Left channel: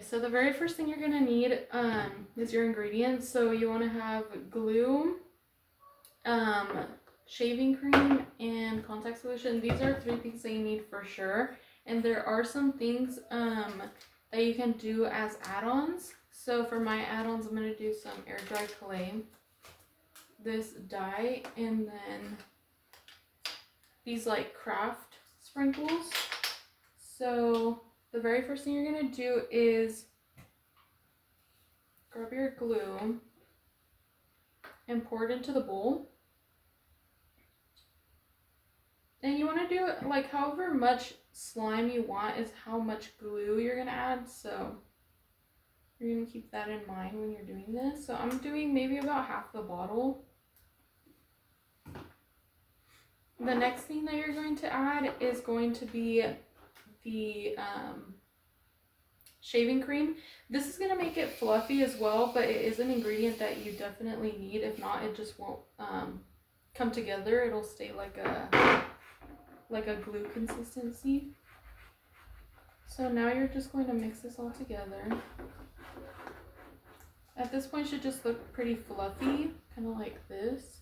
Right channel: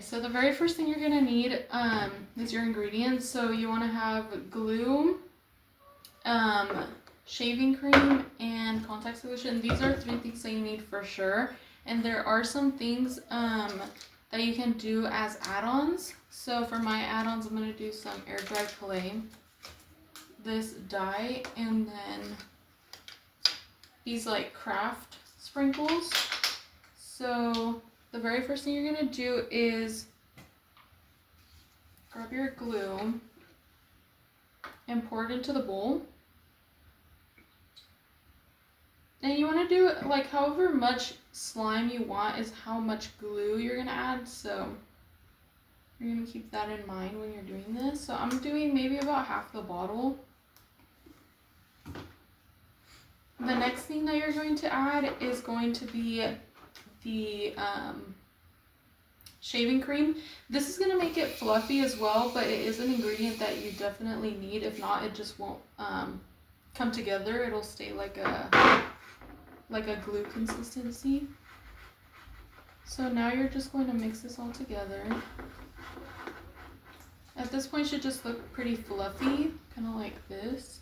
So the very first thing you're gonna need is your ingredients. So you want to have glue, um, shaving cream, and contact solution. These are three things that you need for sure. And there are some things that you can do as add-ons. So for my add-ons, I'm gonna do some air dry clay, this dye, and then these like craft sprinkles. So the very first thing you're gonna do is grab your glue and pour it into the bowl. And you want to do it like however much slime you want is how much glue you're gonna add. So you're gonna keep that in mind when you're doing this. So I'm doing maybe about half the bottle. The next thing that you're going to add is going to be the shaving cream. This is gonna make it fluffy as well, but it is an ingredient that you definitely need. If not, it just won't come together. It'll stay like a glue consistency. So now you're just going to mix this all together. At this point, it should just look pretty fluffy, kind of like this.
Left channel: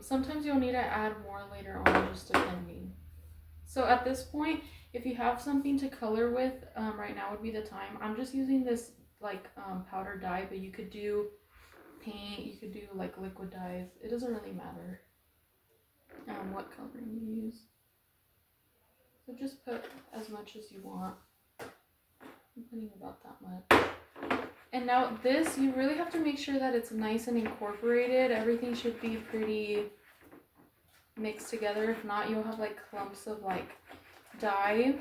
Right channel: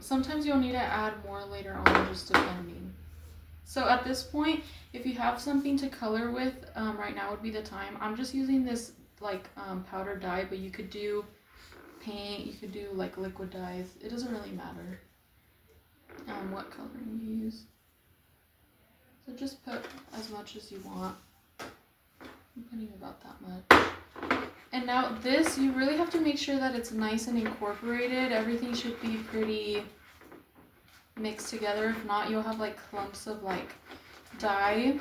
Sometimes you'll need to add more later on, just depending. So at this point, if you have something to color with, right now would be the time. I'm just using this like powder dye, but you could do paint, you could do like liquid dyes. It doesn't really matter what coloring you use. So just put as much as you want. I'm putting about that much. And now this, you really have to make sure that it's nice and incorporated. Everything should be pretty mixed together. If not, you'll have like clumps of like dye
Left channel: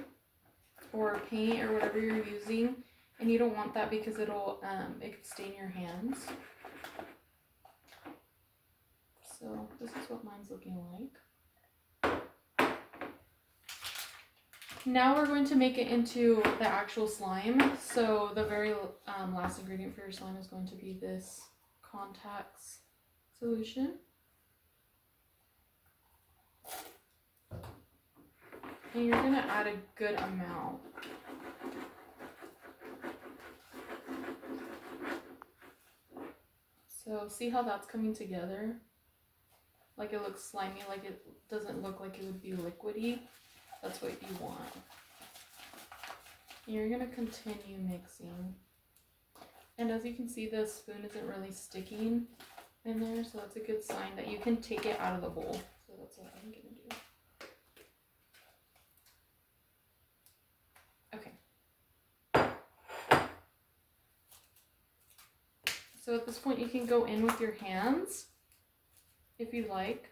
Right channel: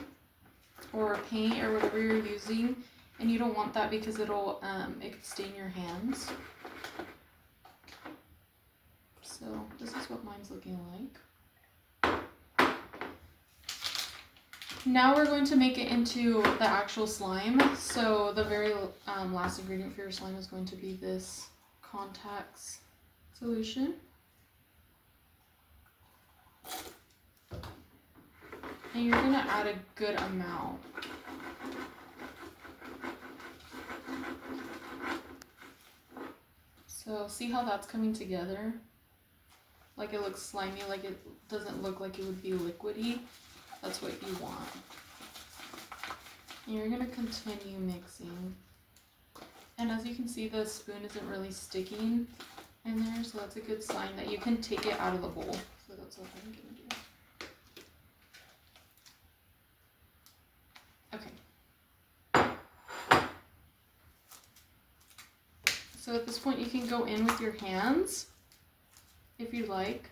or paint or whatever you're using. And you don't want that because it could stain your hands. So this is what mine's looking like. Now we're going to make it into the actual slime. So the very last ingredient for your slime is going to be this contacts solution. And you're going to add a good amount. So see how that's coming together? Like it looks slimy, like it doesn't look like it would be liquidy. That's what you want. And you're going to continue mixing. And as you can see, the spoon isn't really sticking in there, so that's a good sign that you can take it out of the bowl. So that's what I'm going to do. Okay. So at this point, you can go in with your hands if you like.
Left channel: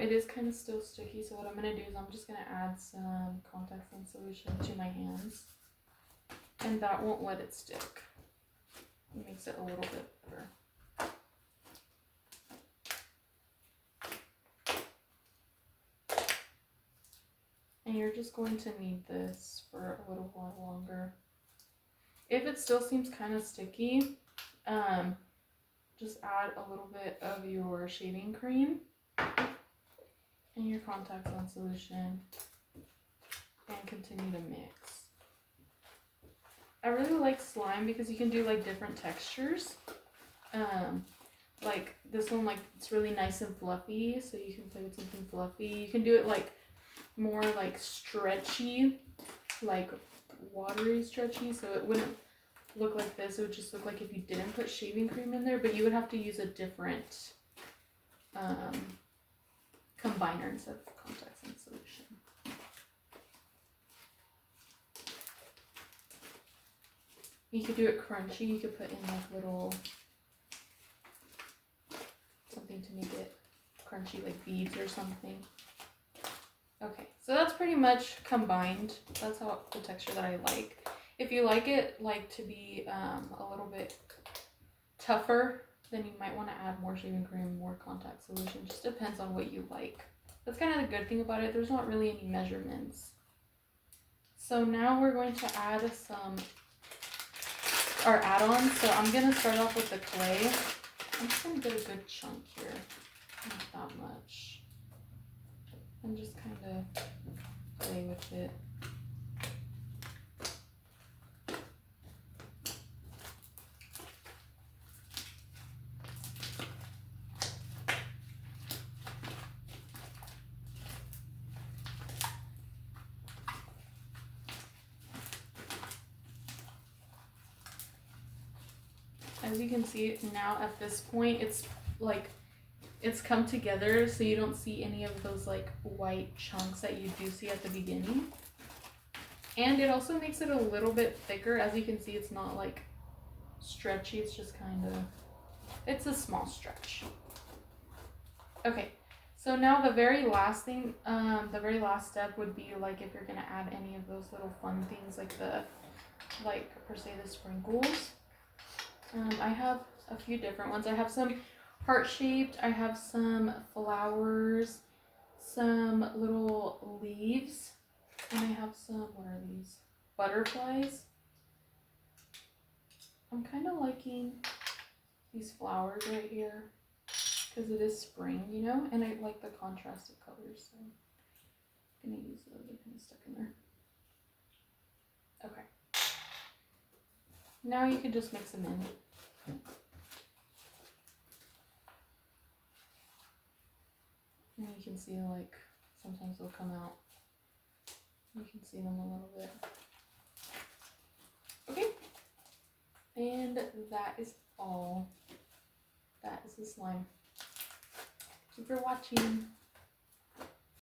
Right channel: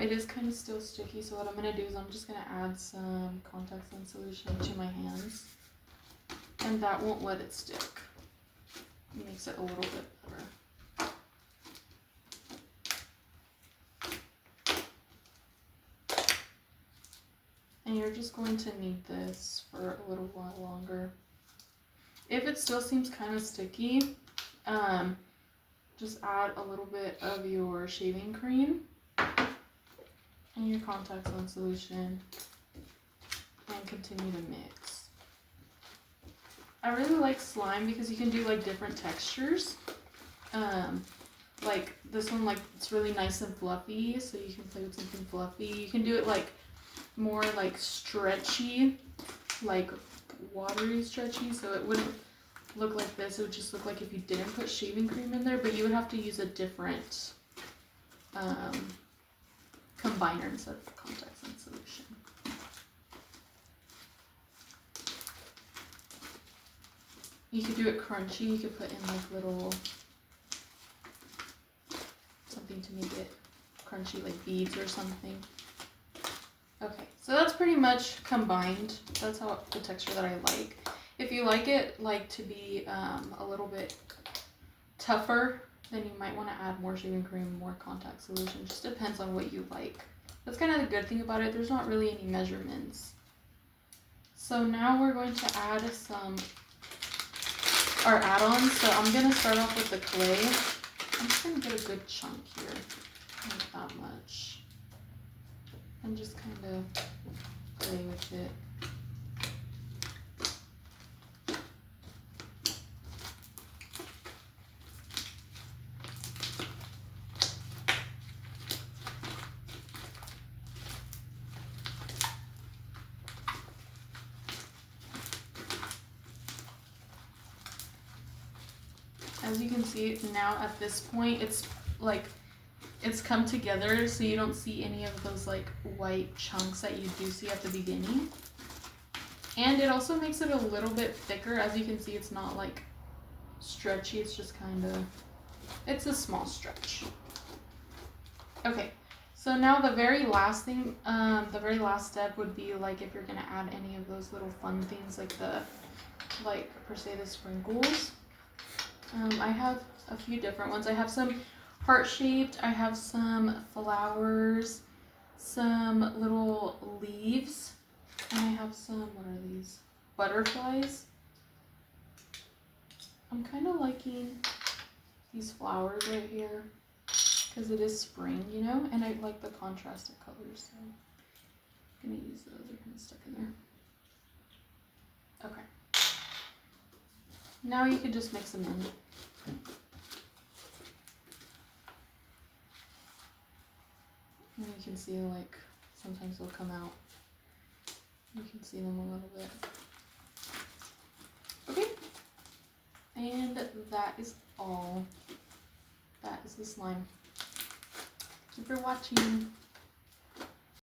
It is kind of still sticky, so what I'm going to do is I'm just going to add some contact lens solution to my hands, and that won't let it stick. It makes it a little bit better. And you're just going to need this for a little while longer. If it still seems kind of sticky, just add a little bit of your shaving cream and your contact lens solution and continue to mix. I really like slime because you can do like different textures. Like this one, like it's really nice and fluffy, so you can play with something fluffy. You can do it like more like stretchy, like watery stretchy, so it wouldn't look like this. It would just look like if you didn't put shaving cream in there, but you would have to use a different combiner instead of contact lens solution. You could do it crunchy. You could put in like little something to make it crunchy, like beads or something. Okay, so that's pretty much combined. That's how the texture that I like. If you like it like to be a little bit tougher, then you might want to add more shaving cream, more contact solution. Just depends on what you like. That's kind of the good thing about it. There's not really any measurements. So now we're going to add our add-ons. So I'm going to start off with the clay. I'm just going to get a good chunk here. Not that much. kind of play with it. As you can see now at this point, it's like it's come together, so you don't see any of those like white chunks that you do see at the beginning. And it also makes it a little bit thicker. As you can see, it's not like stretchy, it's just kind of, it's a small stretch. Okay, so now the very last thing, the very last step would be like if you're gonna add any of those little fun things like per se the sprinkles. I have a few different ones. I have some heart-shaped, I have some flowers, some little leaves, and I have some, what are these? Butterflies. I'm kind of liking these flowers right here because it is spring, you know, and I like the contrasted colors, so I'm gonna use those. They're kind of stuck in there. Okay. Now you can just mix them in. And you can see like sometimes they'll come out. You can see them a little bit. Okay. And that is all. That is the slime. Thank you for watching.